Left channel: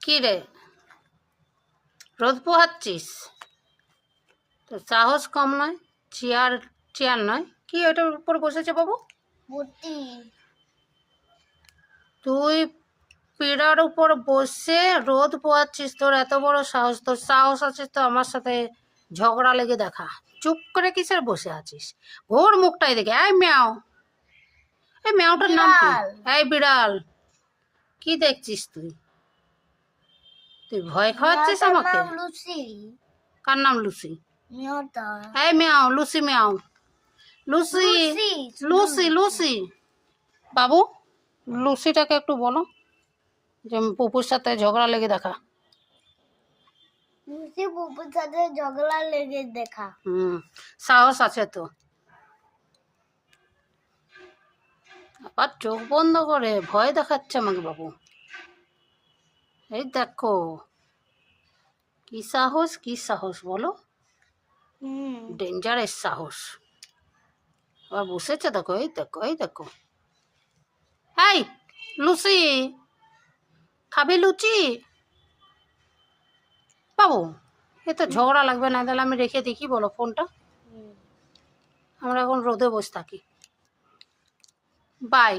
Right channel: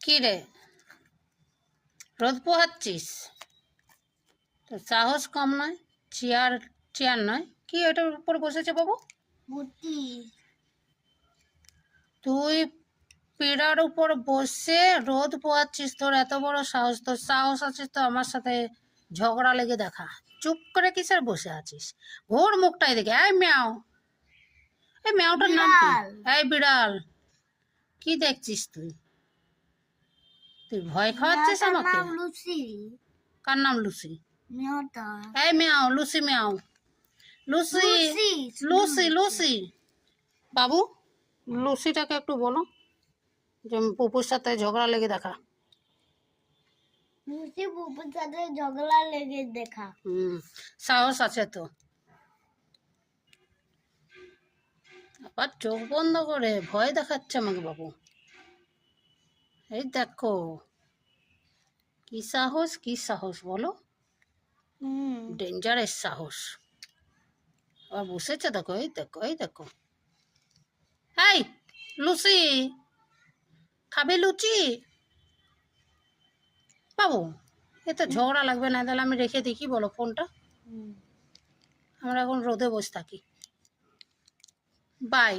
কি রে, রোদ পোহাচ্ছিস? তো সাহস কম নয়। চেয়ার চেয়ার নয়, কি ওটার উপর বসেছে বাবু? বুটি তুই পীড়ার উপর বসে রোদ পোহাচ্ছিস? তোর এত বড় সাহস! তোর সাহস আছে তো আমার সাথে ঝগড়া লেগে দেখা। চুপ করে কিসের বসে আছিস? ঘোর মুখটাই দেখে। এই ম্যাও, এই ম্যাওটার নাম কি? বিড়াল। এই বিড়াল, কি দেখছিস তুই? তুই ভয় খাওয়াচ্ছিস মেয়েটার আমাকে? নাম লুসি। কার নাম লুসি? মেয়েটা এই ম্যাও, লুসি ম্যাও, লুসি লুসি লুসি লুসি। বাবু, লুসিটাকে একটু বলো যে পুপুর সাথে ঝগড়া লেগে দেখা। লুসি পুপুর সাথে ঝগড়া লেগে দেখা। সাহস আছে তো। আবার চোখ বন্ধ করে ভয় দেখাচ্ছে আমাকে বাবু। এই দেখো, কি সাহস, কি সাহস বলো? ডেঞ্জারাস সাহস। আবার বসেছে দেখো, এই দেখো, এই দেখো। এই লুসি, খাবি লুচি? বাবু, এ তো ঝগড়া লাগবে না, তাহলে আমি রেখে দিই, কি বলো ফোনটা? আমরা এখন রোদে বসে থাকি। বাই।